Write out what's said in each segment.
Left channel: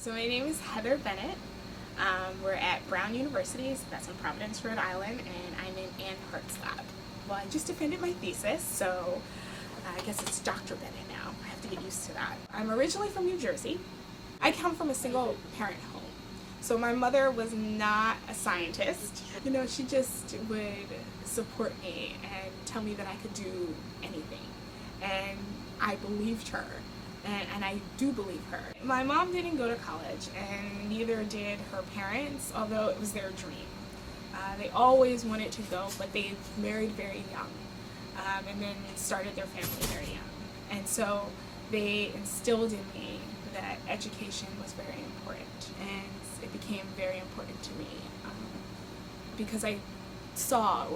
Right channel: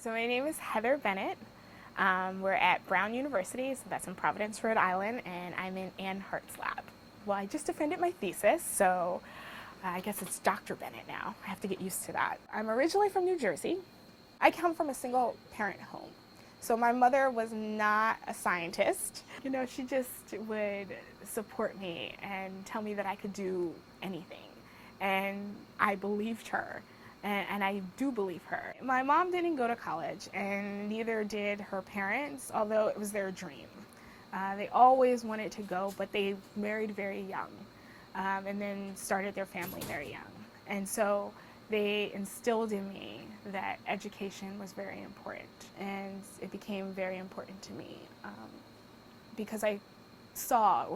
So my name is Heather Bennett. We're at Brown University, so that's in Providence, Rhode Island, and I'm in Ann Hart's lab. Well, I just defended my thesis, so I guess it's Dr. Bennett now. I have to get used to that. I'm originally from New Jersey. I come from a single parent home. So my mother was not a scientist. She just would support me and tell me that I could do anything. And I believed her. And I do believe her. My mom didn't go to college, and neither did her parents, although it was their dream. They always wanted to go, but they married very young, and then started their family very young. And so they instilled in me that education was very important, and it became very important to me because I saw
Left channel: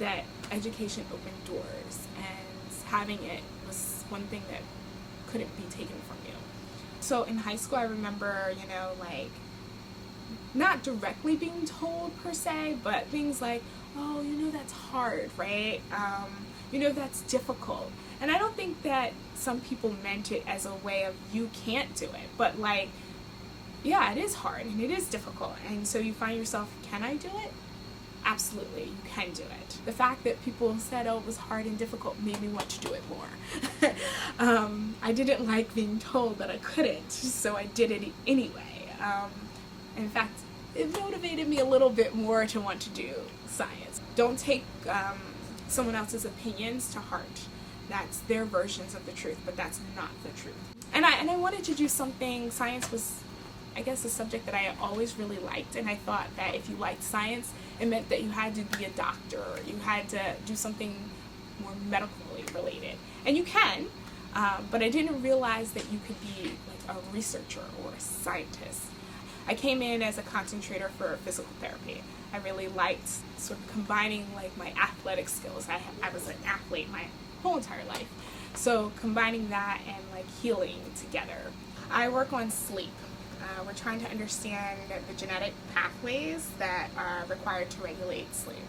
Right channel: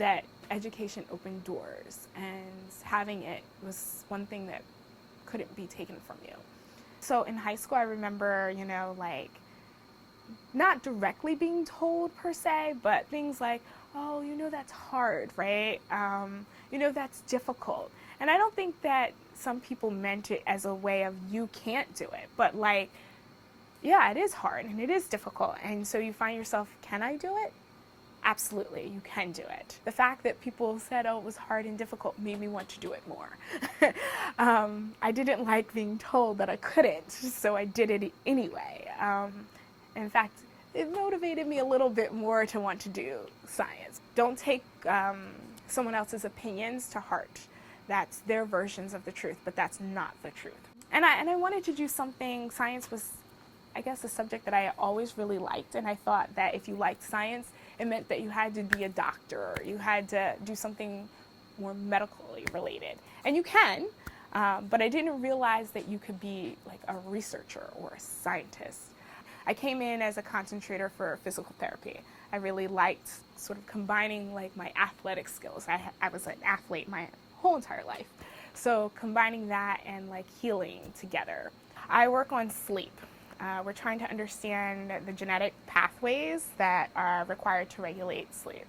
that education opened doors, and having it was one thing that couldn't be taken from you. So in high school, I remember, not directly being told per se, but things like, oh, that's hard, right? That's difficult. And I don't think that some people meant it as a way of you can't do it, but yeah, it is hard and it is difficult. And so you find yourself, can I do it? Absolutely, you can do it. The fact that people said, oh, it was hard and difficult made me want to do it more. I didn't like being told that I couldn't, so I did it anyway. In fact, it motivated me a little bit more to want to do science. Don't take someone else's opinions to heart. That's their versions of the truth, but that's not the truth. And I wanted to do something. Science was, I guess, a subject that I always really liked, and I thought that if you liked science, it meant that you had to be a doctor, or you had to do something more medically related. And you can, but I didn't realize that you could be like a researcher or a scientist. I came in as a concentrator for physical therapy. I really liked sort of combining my athletic skills. I was an athlete my whole entire life. So combining that and healing together. I work on sleep. We're trying to understand the genetic pathways that are required to regulate sleep.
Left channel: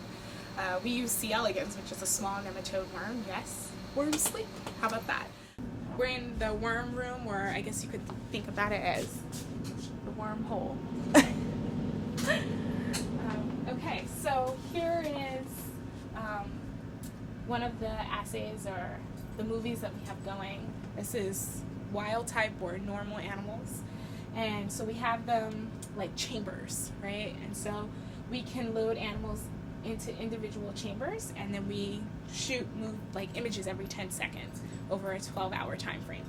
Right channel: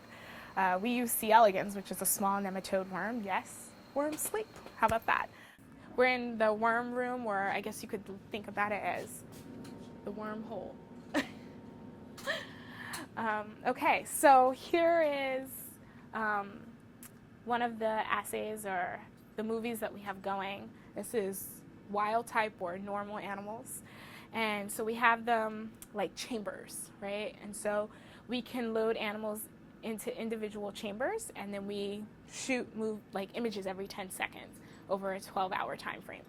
We use C. elegans, which is a small nematode worm. Yes, worms sleep. How about that? We're in the worm room, or I guess you could think about it as the wormhole. Okay, so here is one of the assays or the movies that we have going. This is wild type or normal animals. And so we have them like chambers, right? And so we can load animals into individual chambers, and then we move images every 10 seconds over a 12-hour time frame.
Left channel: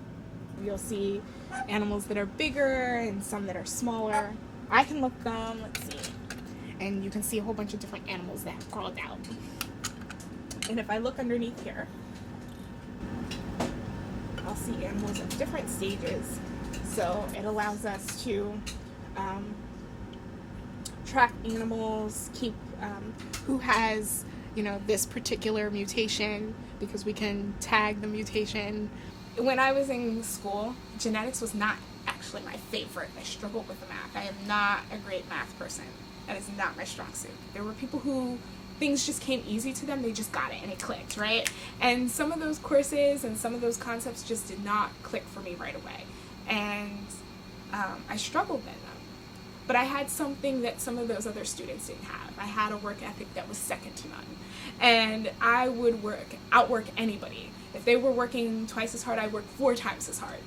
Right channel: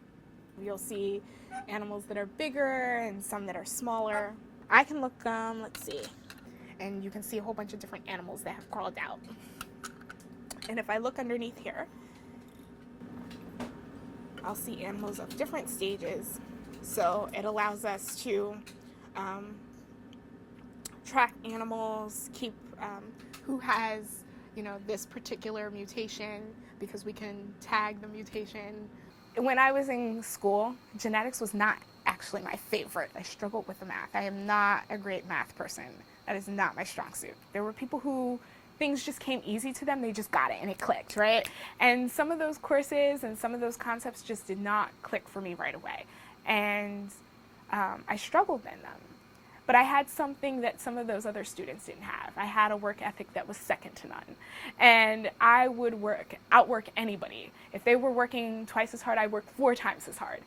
You'll see animals that are bigger and some that are smaller. I can look, let's see, and you can see a whole bunch of different animals that have crawled out. And if I look underneath here, I'll see animals of different stages. So it allows us to track animals, keep who has, this particular mutation, because we can tag the mutation. When I was in school, genetics was not actually my favorite. I struggled with the math. I am not a great math person. That is not my strong suit. There were people who things just came easy to them. They just got it and it clicked, right? And some of those courses and some of those concepts just did not click for me right away. And I struggled in them. But I had something that some of those other students didn't have. I had a work ethic that was second to none. And I would outwork anybody. If they were working twice as hard, I worked 4 times as hard.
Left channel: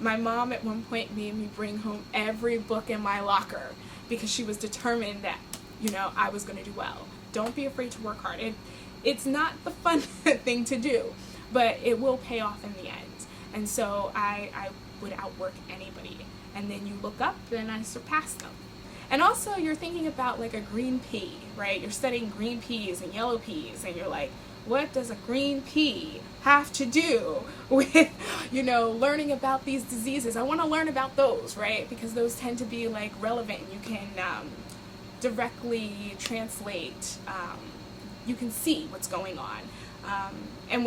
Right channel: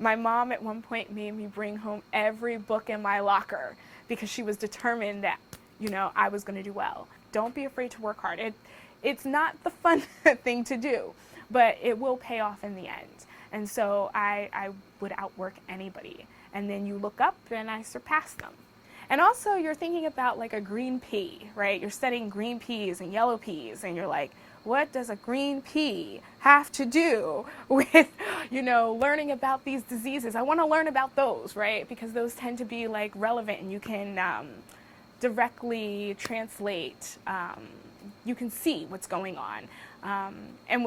My mom at one point made me bring home every book in my locker because she was determined that, I was going to do well. Don't be afraid to work hard. It's not the fun thing to do, but it will pay off in the end. And so I would outwork anybody. And then you look up and I surpassed them. And also you're thinking about a green pea, right? You're studying green peas and yellow peas, and you're like, what does a green pea have to do with, learning about these diseases? I want to learn about those, right? Because those tend to be relevant, and you can directly translate, you can see what's going on. And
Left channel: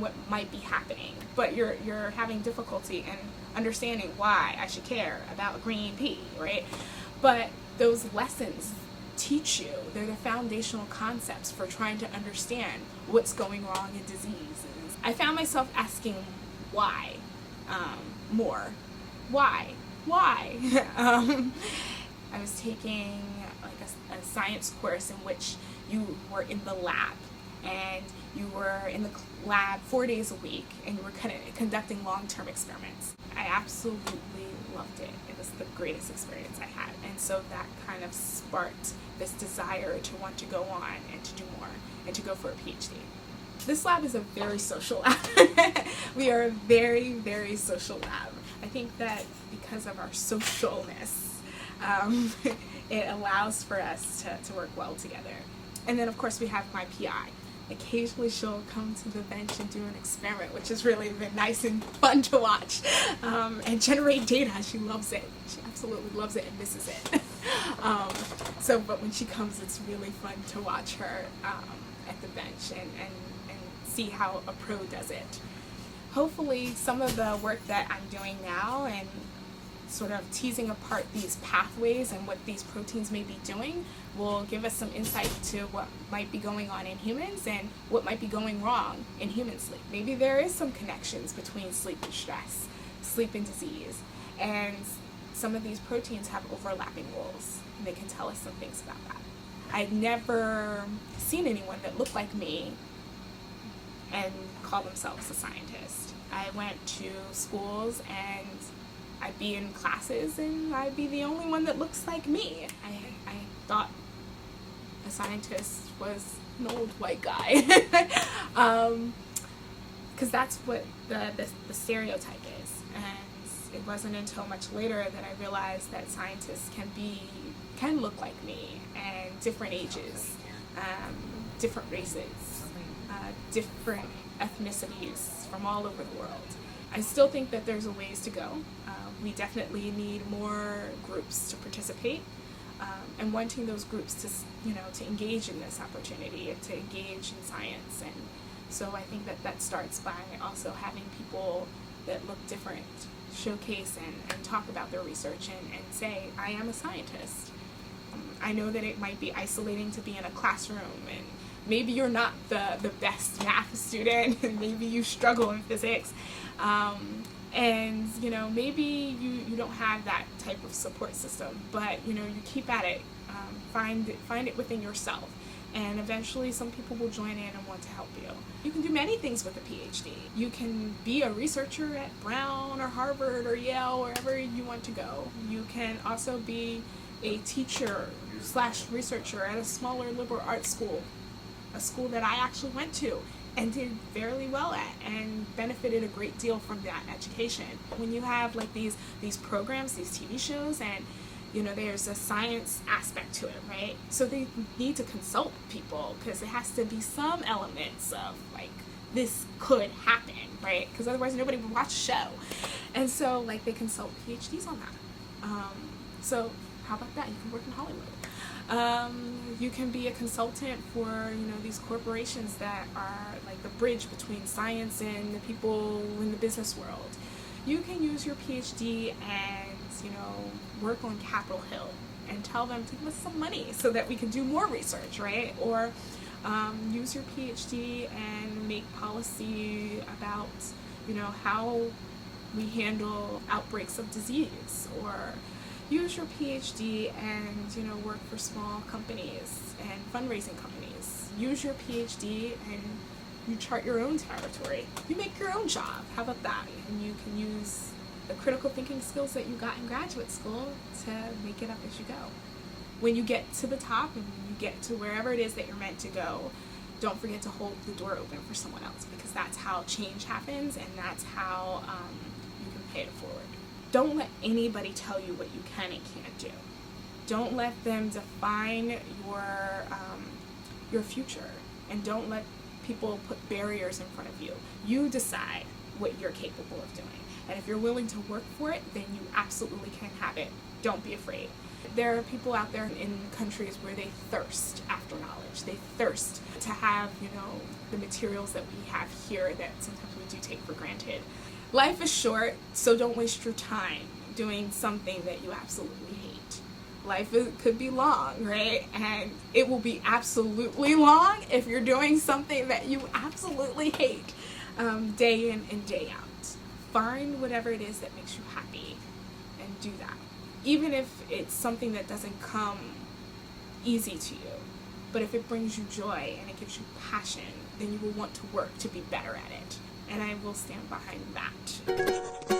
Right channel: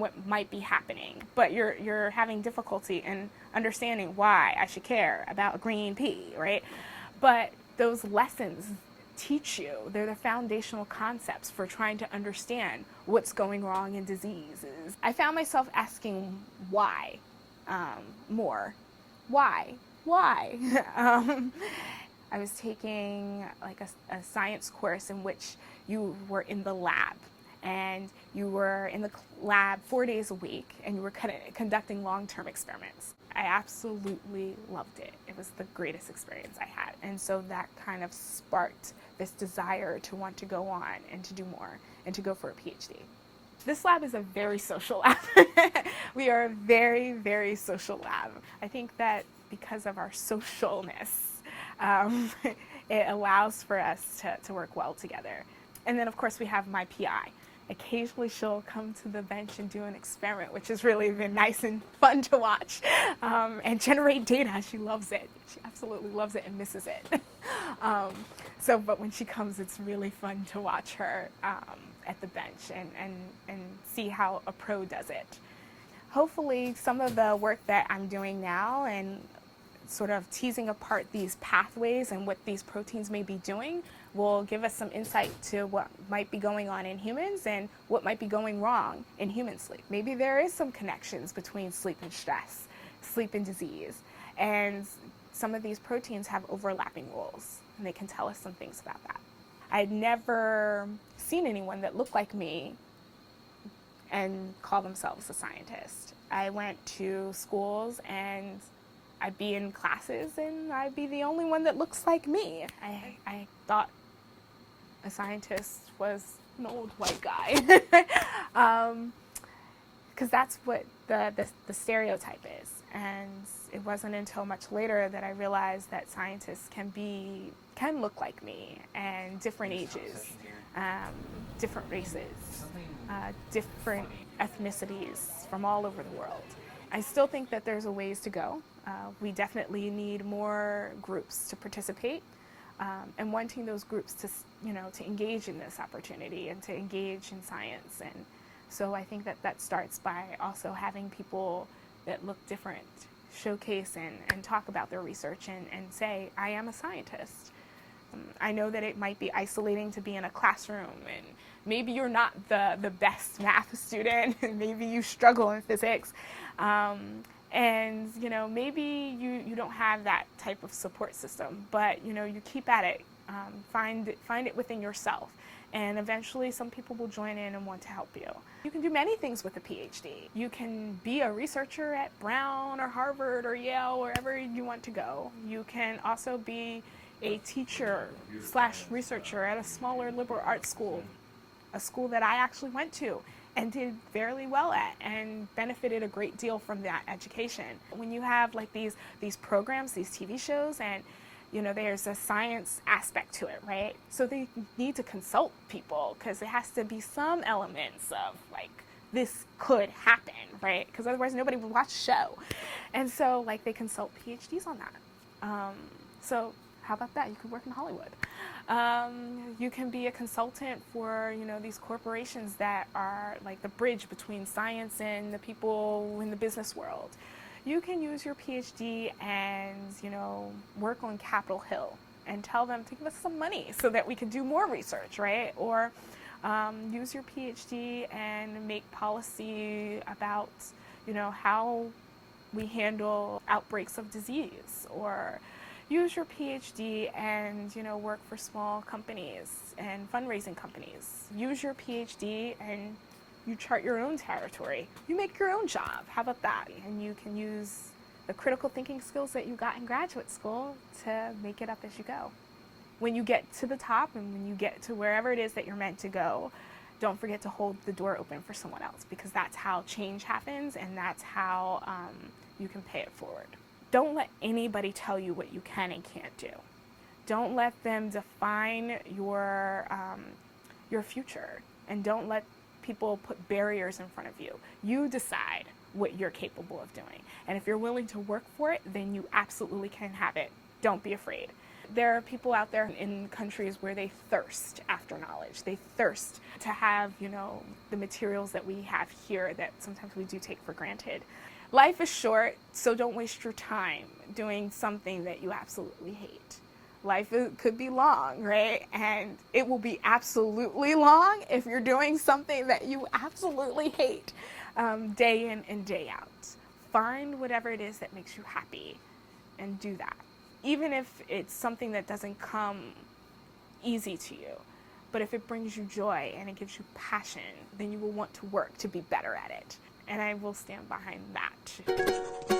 what might be happening, but you're having difficulty in understanding why I should care about a green pea, right? But those lessons teach you. They're the foundational concepts for trying to understand what's going wrong in diseases. I found myself asking why more. Why? Why? I was taking like a science course in which you were in the lab, and you were in the lab 4 days a week, and you were conducting long-term experiments. I absolutely loved it. It was the greatest experience I had. And so that kind of sparked this desire to want to go on and to do more and to go for a PhD. This lab is a very social lab. We are a very, very social lab. I think that because of our socialness, it allows for us to work well together. And then of course we have my PI. Occasionally she'll come to the bench and do an experiment, which has really been nice and fun to watch, and generate data. She loves it. She absolutely loves it and misses it. But when she comes, it's really fun to watch her at the bench and see how a pro does it. Hopefully some of the work that I'm doing now and sort of teasing apart these pathways and what these proteins may be doing will give us some insight to what might be going on in humans and what might be going wrong in human sleep. Maybe there is some connections between sleep and stress, sleep and disease, and some of these proteins have overlapping roles, and they can tell us some things about that. I'd never seen anyone that looked like me and call themselves a scientist. I went to schools and I'd be in classes and I'd be the only one that looks like me. I thought a scientist was an old white guy, because that's what the stereotype is. And it wasn't until much later that I realized that scientists can look like me, and different ages, different races, different ethnicities from all over the world. I still think that there's a ways to go. We definitely need more groups to participate, and wanting those groups to engage in this opportunity and to engage in science. And so I think that starts by also having people that look different showcase and talk about their research and say, I am a scientist. I know that it might be isolating to be in a classroom, and maybe you're not the best math student, and maybe you struggle in physics, and maybe you don't have that type of support system, but you keep at it, find it within yourself, and eventually some people will join in and want to help you. You can do many things with a PhD. You can be a researcher at Brown or Harvard or Yale, wherever you want to go. You can also be a teacher / researcher at a smaller liberal arts school, a school that I actually went to and did fairly well at and benefited a great deal from that education. When you have like these programs, these TV shows, and there's a science aspect to it, right? So they need to consult people, because there has to be some elements of like, this could happen, right? Because otherwise nobody would watch the show. And so like they consult PhDs on that. So how about that? You can work in Hollywood. You can be a consultant for these corporations that are like the bridge between science and the people in the business world. You can use your PhD and work on Capitol Hill and tell them to give us some money so that we can do more research, right? Or use your PhD and make policy about how we handle outbreaks of disease, or use your PhD and work for small companies and fundraising companies. Use your PhD and you chart your own territory. You make your own job. How about that? And you can use the critical thinking skills that you got in graduate school to make it up as you go. When you get to the top and when you get to wherever it is that you're meant to go, don't forget to hold the door open for someone else, because that's how change happens, and that's how you can pay it forward. Don't let anybody tell you what you can and can't do. Don't let them define your future, and don't let people put barriers in front of you. You decide what you're capable of doing, and if you're willing to work for it, then you absolutely can have it. Don't be afraid. There are people out there in countries where they thirst after knowledge. They thirst to have, the materials that we have here that sometimes we do take for granted. Life is short, so don't waste your time doing something that you absolutely hate. Life could be long, right? And it will be absolutely long if you're doing something that you absolutely hate, day in and day out. Find whatever it is that makes you happy and do that. Even if it's something that doesn't come easy to you. But if it brings you joy and it gives you passion, then you will want to work to be better at it. And I will stand behind that.